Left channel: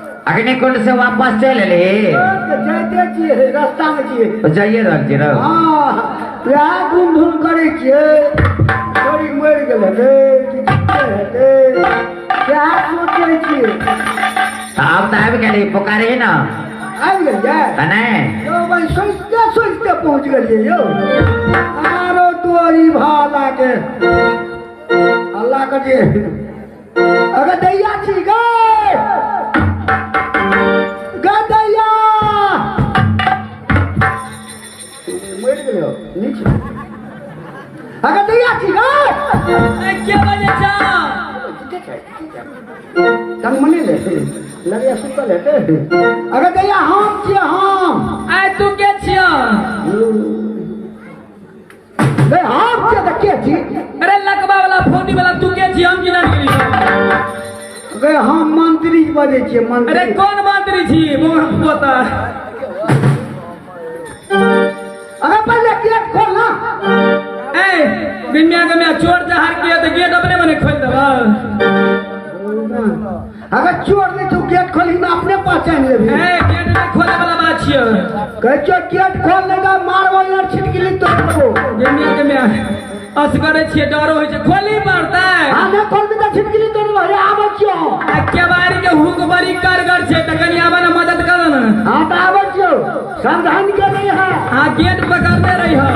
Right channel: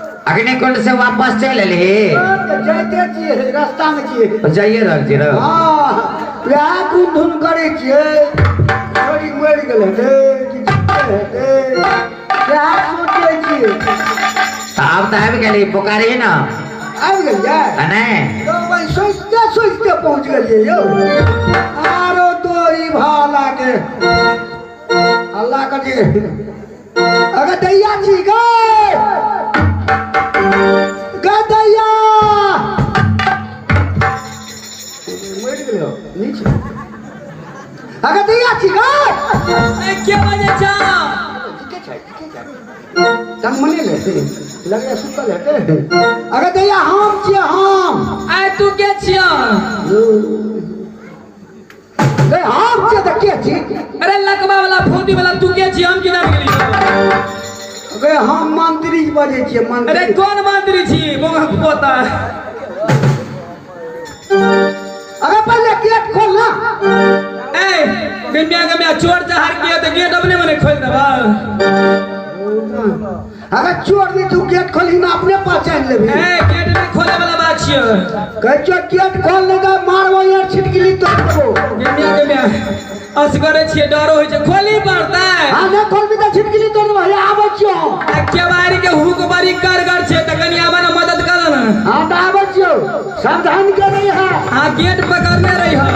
वापस चले ले जाते छिए रास्ता में छिए जाइए रहल छिए ना हां या धुन धुन करे छिए बड़ी मर गेल रे क्या सोचे छिए आप त आबि गेली पुकारे ना आबि गेल या नहीं यो भाई सोचते पहुंच गेलिए यो आरो तोरी भाला के अल्लाह का जे अगर दैया छी गे अगर दैया छी गे के बजे छ तंग मने ले लगे सुतल है अगर दैया हम छी हम आय तू के छी ए हम छी त के छी अरे लकबा वाला फोटी वाला तू के छी हम केना निकली अगर हम मंत्री बजे छी मंत्री अरे कौन मंत्री छी बोंग पोता अरे पहले गेट खोल ना ए बिम्बिया के मैं चोर से हार गया तो गेट अपने मने खोल देबा अगर चोर भी तू गेट खोली ना अपने पहचान लेबी ए गेट में खोले वाला बात छियो कह गेट खोल ले तो मारबो यार छिटकिली तो देबो बिम्बिया के मैं असगरे छिए डरो होय छै खोली पड़ता है हां ना खोल भी तो छिटकिली तो देबो या आबे छियो के बारी के हुक बड़ी कारगर छै त कनी आबे ना मदद कर ना हां त आबे छियो सावधान के रही है हां गेट पकड़ने रही है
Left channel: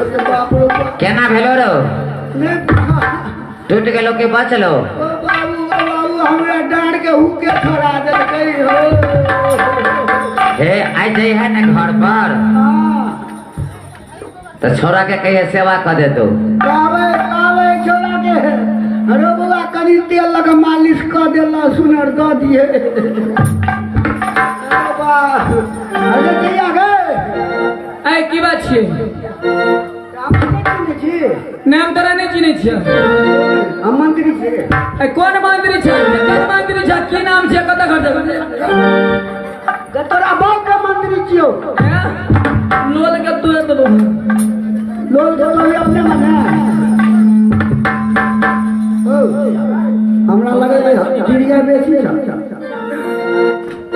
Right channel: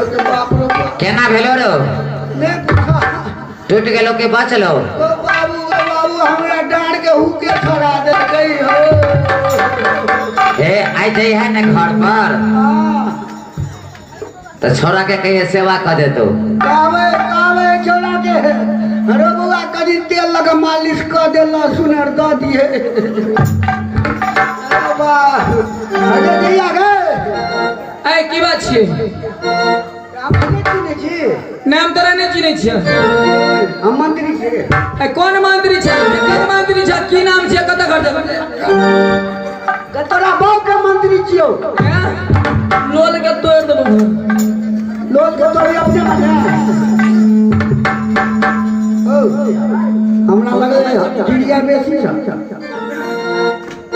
केना भेलो रो टूट गेलो कि बचलो ओ बाबू हमरा डांड के हुके छोड़ा दे गई हो ए आई जई है ना घर पर हां तो छोरा के कहिए सेवा कर दे तो कावे छोड़ा के अरे बुआ कनी तेल लगा मालिश कर देला सुनर द दिए अरे वाह अरे दैया गे ए की बात छी आप नहीं छी नाम तोरा नहीं चिन्है छियै हम मंत्री छी ए कोन मंत्री छै केकर मंत्री छै की नाम छै कत घर जेबै जे तोरा बाप के मंत्री छियो लोल के तोड़ देबो लोल के तोरे अपने मने ओ हमरा लगे चिड़िया बेसी छै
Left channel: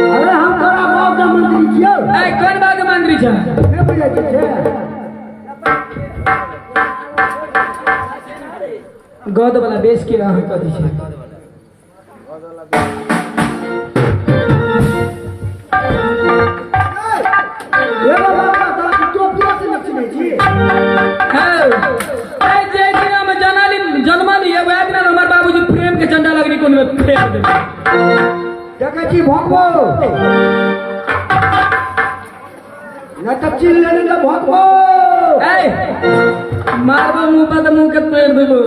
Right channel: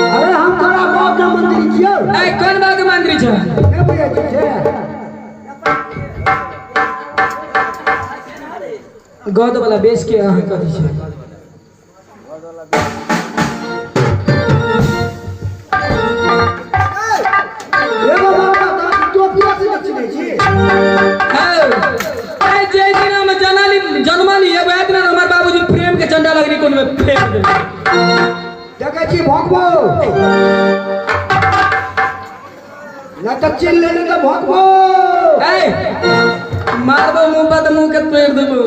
अरे हम तोरा बाप के मंत्री छियो ए कोन बात के मंत्री छै के बुझै छै गद वाला बेच के अहाँ कथी छै ए बाबा का टोपिया से चिन्है छी ए जे दिन में जन्मली एगो दिन हमर बाबूजी प्रेम के झंडा लगनी कोन में फेंक देलकै देखै छी भगबो न त चिल लेने के भगबो ए मारबो मुंह पर मुंह के तोड़ देबो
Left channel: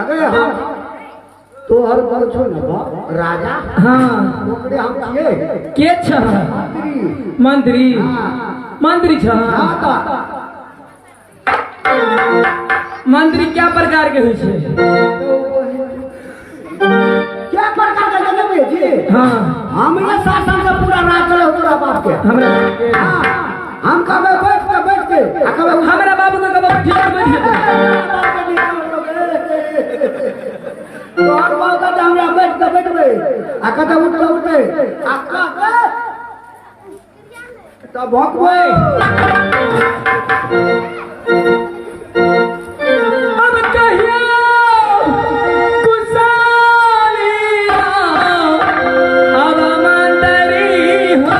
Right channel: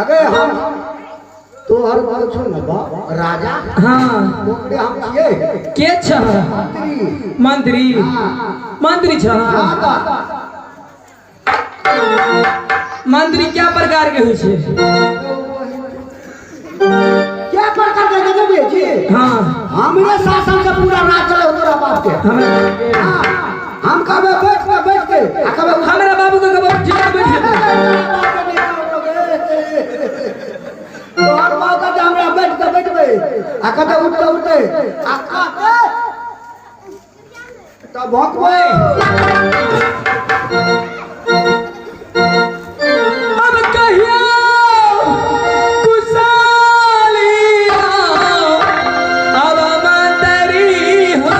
अरे हम तो हर बार सुन बा राजा हां ओकरे हम छिए के छ मंत्री मंत्री मंत्री छ हां का मंत्री क्या प्रकार के होय छै क्या प्रकार के देबे छी हां हमरे शासन से पूरा राज चले तोरा बाप के हमरा हम कहबे बैठ के कहबे हमरा बाबू के कबो ठीक बैठ जेतै तोहर बाप के हमरा बैठ के बैठबे आ कते उठते आ का त भगबे अब कहियो कुसालिया अब मंत्री हो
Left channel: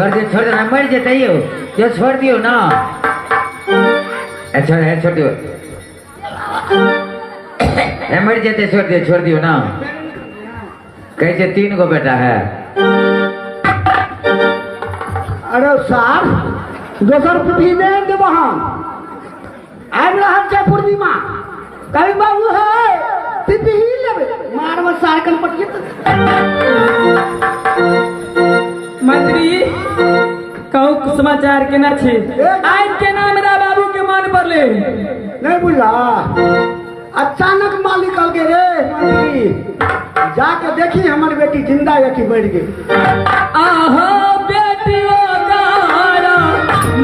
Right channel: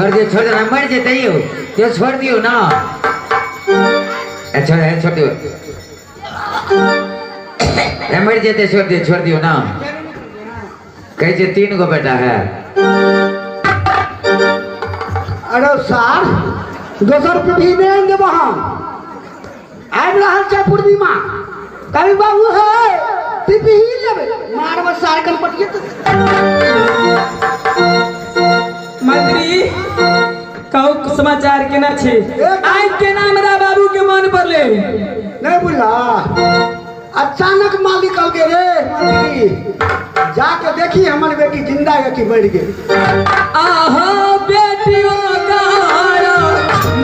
छोड़ दे मर जेते यो जो छोड़ दियो ना छोड़ दियो मर जेते छोड़ दियो ना कैसे 3 गो बेटा है अरे सार दोसर पीढ़ी में देव हम आबि रहल छै पूर्णिमा कभी बाबू है पीढ़ी लेबै मारब सार कंपनी मंत्री कहू समाचार केना छै आज केना हमरा बाबू के मान पड़ले नहीं बुझला अचानक मालिक कह के रे मंत्री जाके देखी हमर बेटी जिंदा है कि मर गई आहो बेटियों का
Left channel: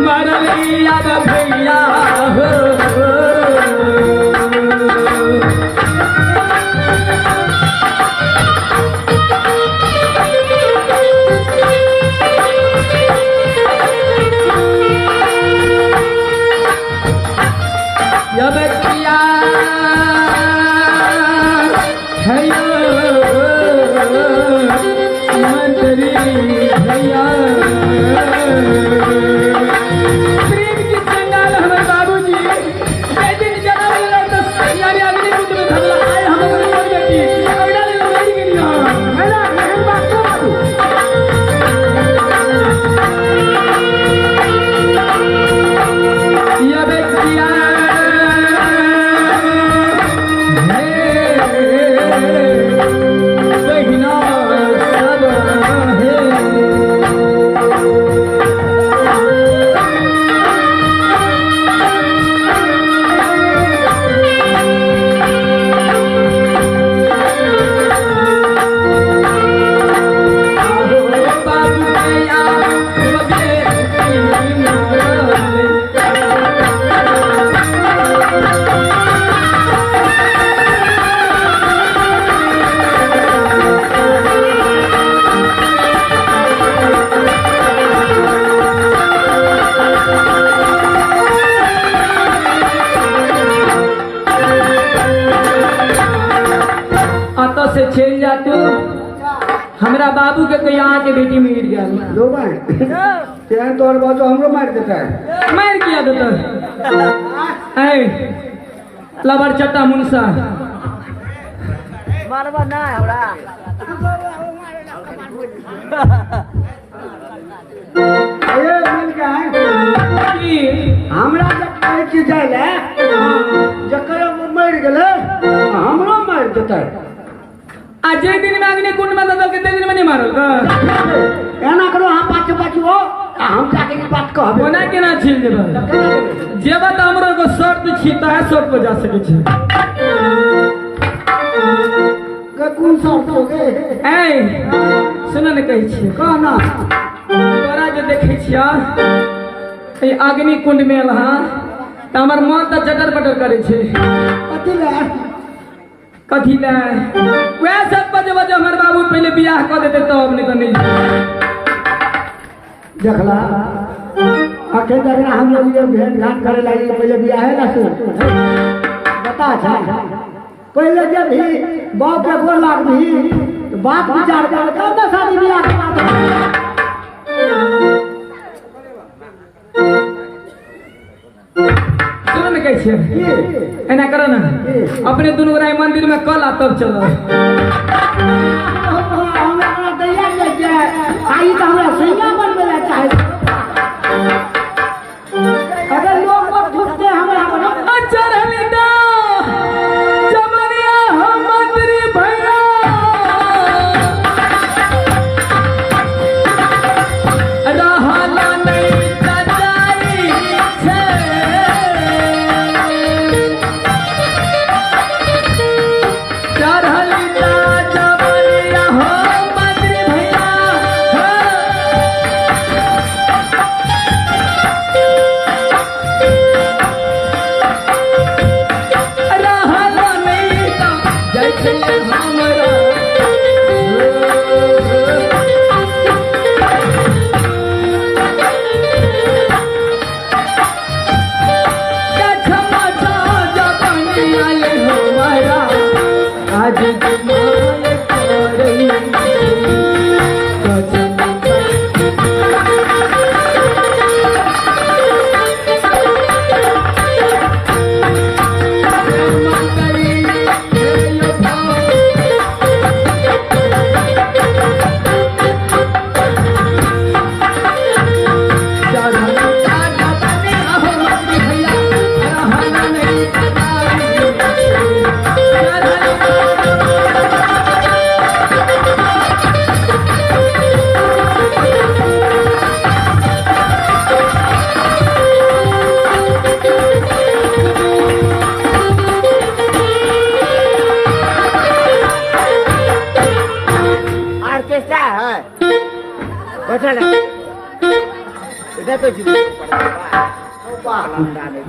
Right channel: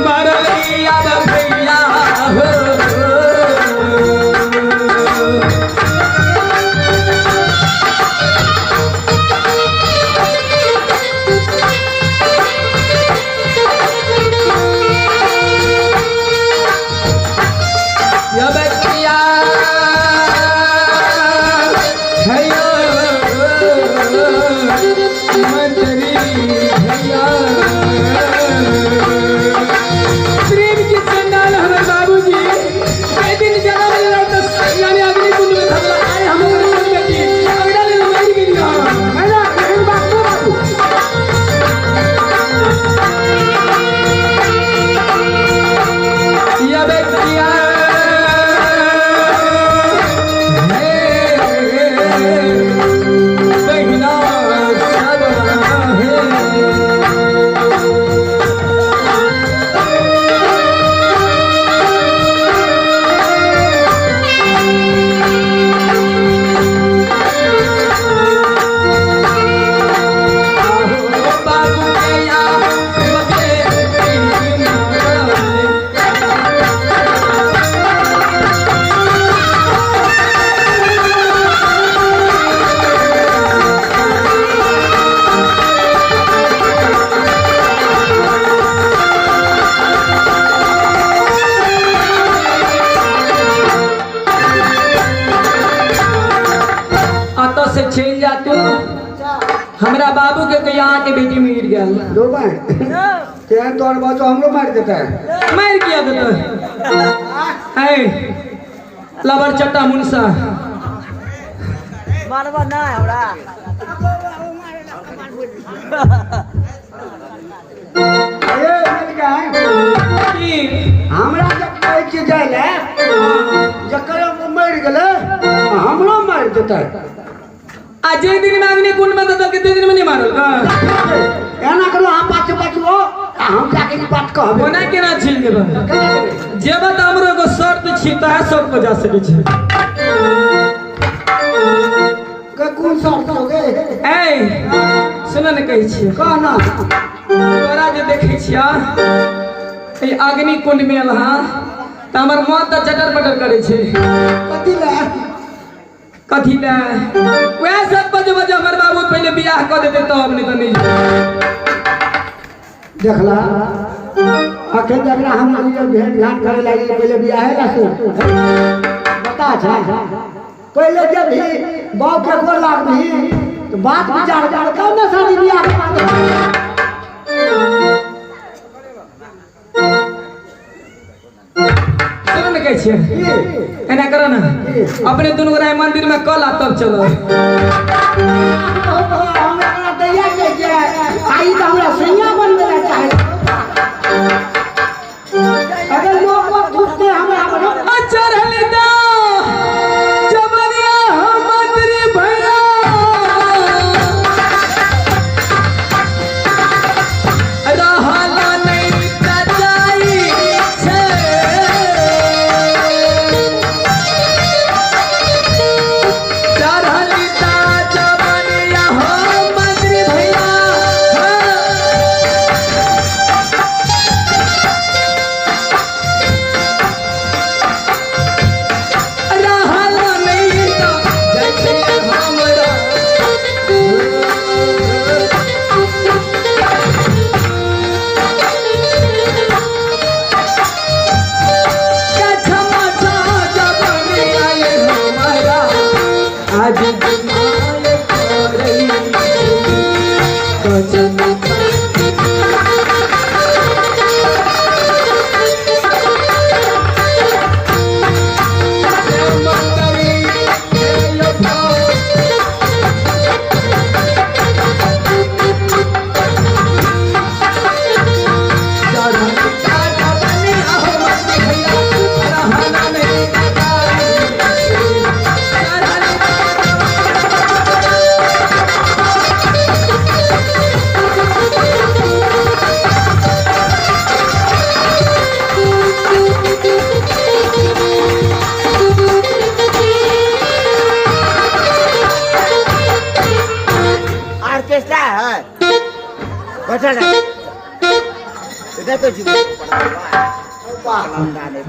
मरलिया रे भैया हो चल जा तू हमरा बाबू के यहाँ के बेटी मिल गया दो भाई क्या तोर बात हमरो मार देता है मार किया देता है लबर चट्टा मुंसा मारवा ना हमरा ये मिल गया है की हमरा जब कहै छी जाय ले जकर मर गेले हमरो मार देता है आज जे दिन में आदमी कुंड में दल के दिन में नहीं मारल एना करो हम पाछे पाछो हम जाके की बात कहबे ओना केना छीन देबे जे बात हमरो एगो शर्त छी त है शर्त को जा सके छी कोन शर्त हो गे ए सुन ने कहै छी कहना तोरा जे देखै छिया ए अग्नि कुंड में लहा त हमर मोह त चटर पटर करे छै कथी ले वह सब बजे हमर बाबू पहले बियाह कर देते तब नहीं तो नहीं देखला अखे जगना हम लोग ये भेंट घाट करे लगी पहले बियाह है ना बता था पहले जब भी बाप के गोर लाग भी तो बात विचार कर कब ना शादी बियाह के बात चलो ने कहै छियै एना करो ना अपने दोनों गोरा मंदिर में कल आ तब चलो हमरा दैया के जे आई त हमरा सैया बन गेला चाहे अगर लोग ठुकते हमरा अच्छा रहली दा जबरिया हम मंत्री भैया अदा हाला नहीं कचाई छे आज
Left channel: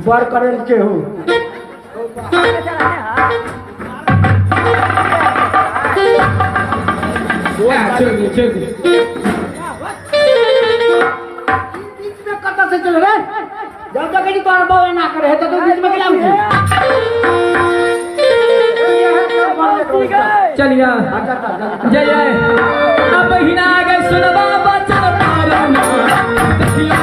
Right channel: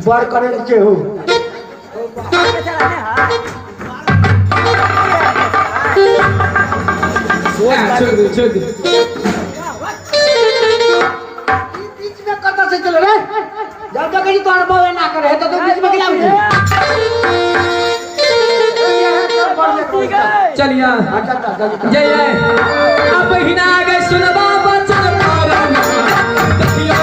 बर करे के हो छोड़ दे बीच में कता से चले रे जब तक नहीं तोड़ बावे ना करे तो बीच में गिरा चलिया जय अब हिना आगे सुनबा बचन पारे में देखियो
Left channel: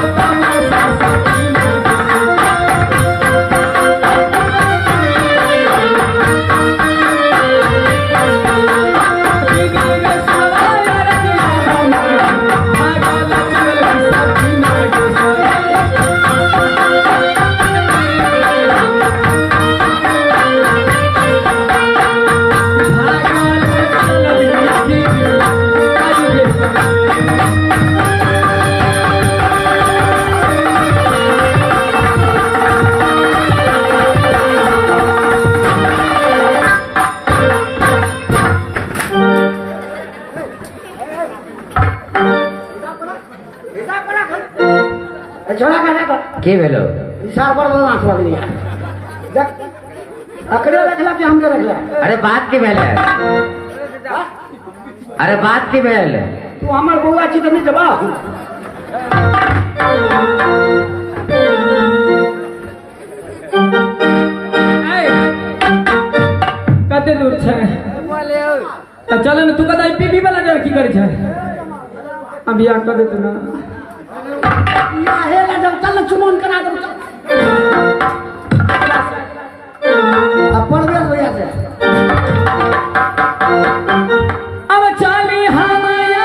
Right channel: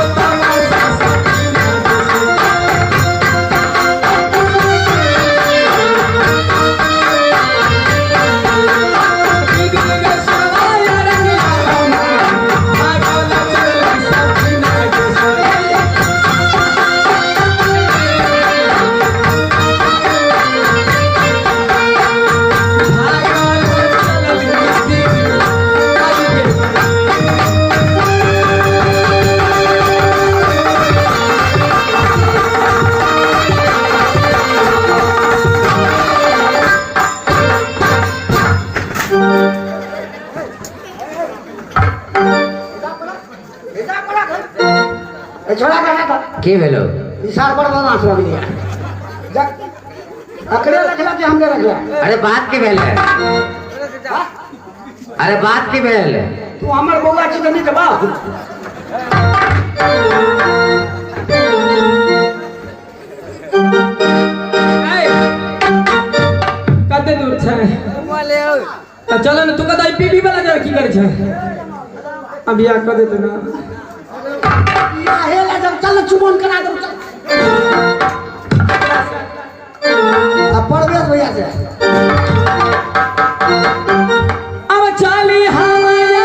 छोड़ा का के भेलो इशार पर बोलना सुन लिया अकड़े रखला कि हमके रखला अरे बात की भेल है अरे बात की भेल है तू हमर बउआ छी नहीं देबा कते दूर छै तो चलो न तू कदा पीपी वाला जगह की करे छै अभी आ कर देते ना या हे ले जब चल चुमन करा दो अपन में होया से अब चाली हमाया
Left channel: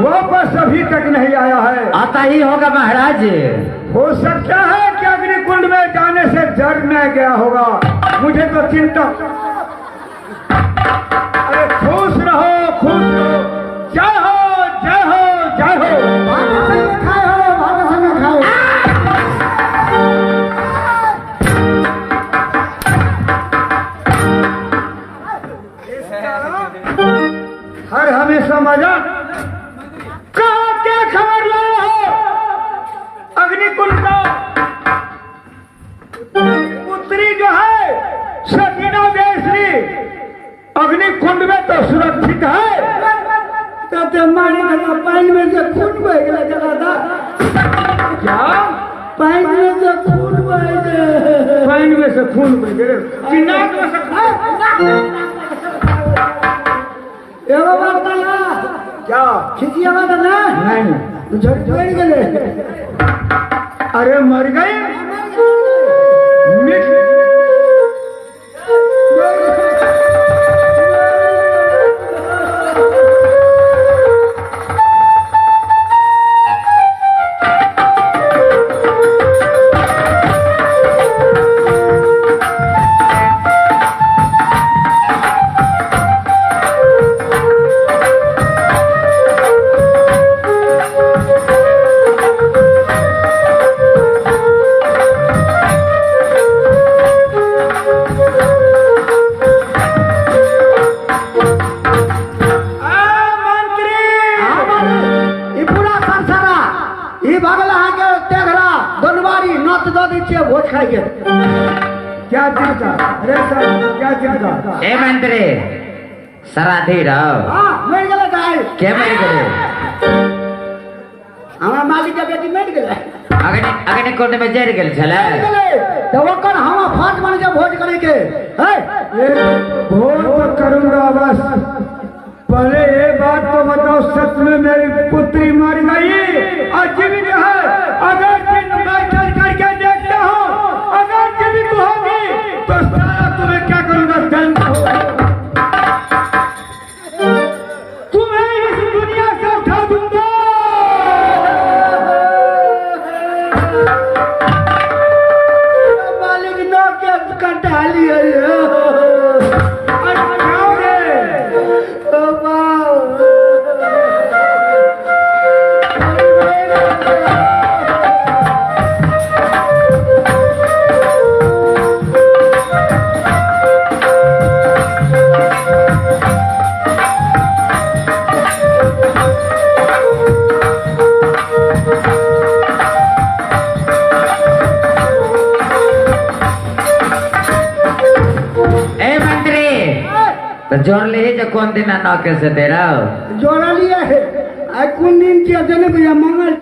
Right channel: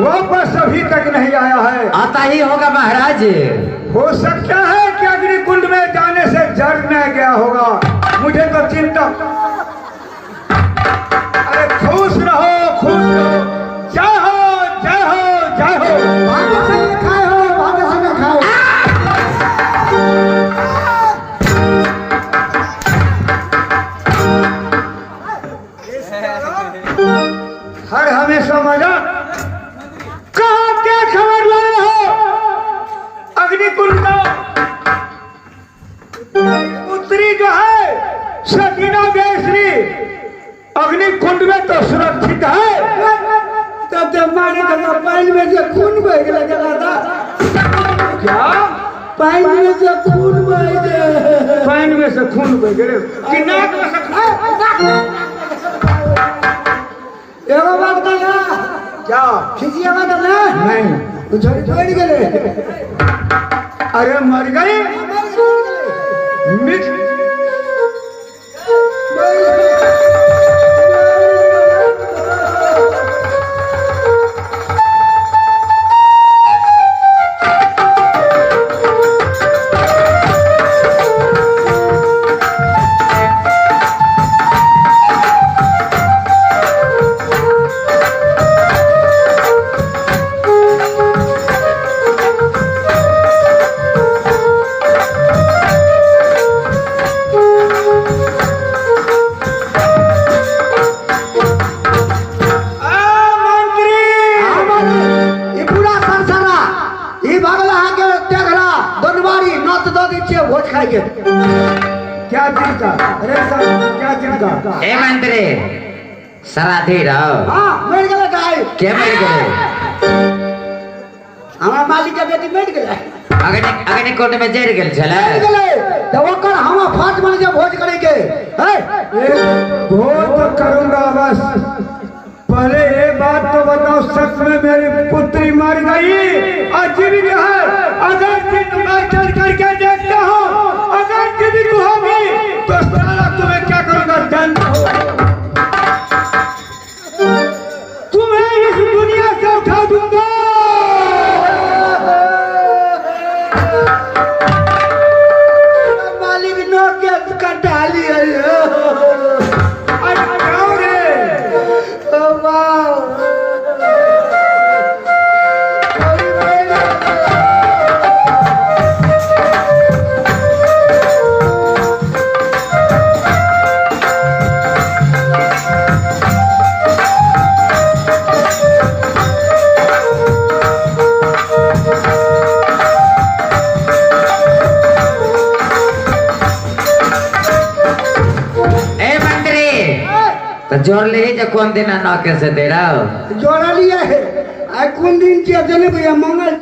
वापस अभी तक नहीं आया है। आता ही होगा महाराज। हो सकता है कि अग्निकुंड में जाने से जड़ में गया होगा, मुझे तो चिंता। अरे खुश रहो, खुश रहो, जय हो जय हो जय हो। हर हमेशा मजा कहाँ क्या खबर लाए हो? अग्निकुंड का पुत्री जो है सकीना बेसरी अग्निकुंड में तो सुरक्षित है। कहते माने का पानी में से खून बह गया। क्या पानी में से खून बह गए? पानी में से खून बह गए कि नाक में से खून? एगो बात कहना क्या खिचिए मत ना नहीं छोड़ गए। अरे मर गए का? अरे साहब क्या चीज का? ए मंत्री सराधी रहो हाँ मिल गया गाय क्या मेरे करे हमारा मालिक के बेटी मिल गया अगने कोर्ट में जेल गेल छले मिल गया तो वो कल हम फाट मार के भोज करे के है भोज तो करूंगा बस पहले एक बात तो बताओ सच में मेरी पुत्री मर गई और जीवित है अगर मैं चल करके देखता हूँ अगर जीवित होगी तो साला तुम्हें क्या करूंगा जान तुम्हें इस दुनिया से उठा दूंगा मालिक नो के कंटाली है तो जोड़ ले ही तो कौन दिन ना कैसे दे रहा हो जोड़ा लिया है आज कौन दिन किया जने भैया मंगल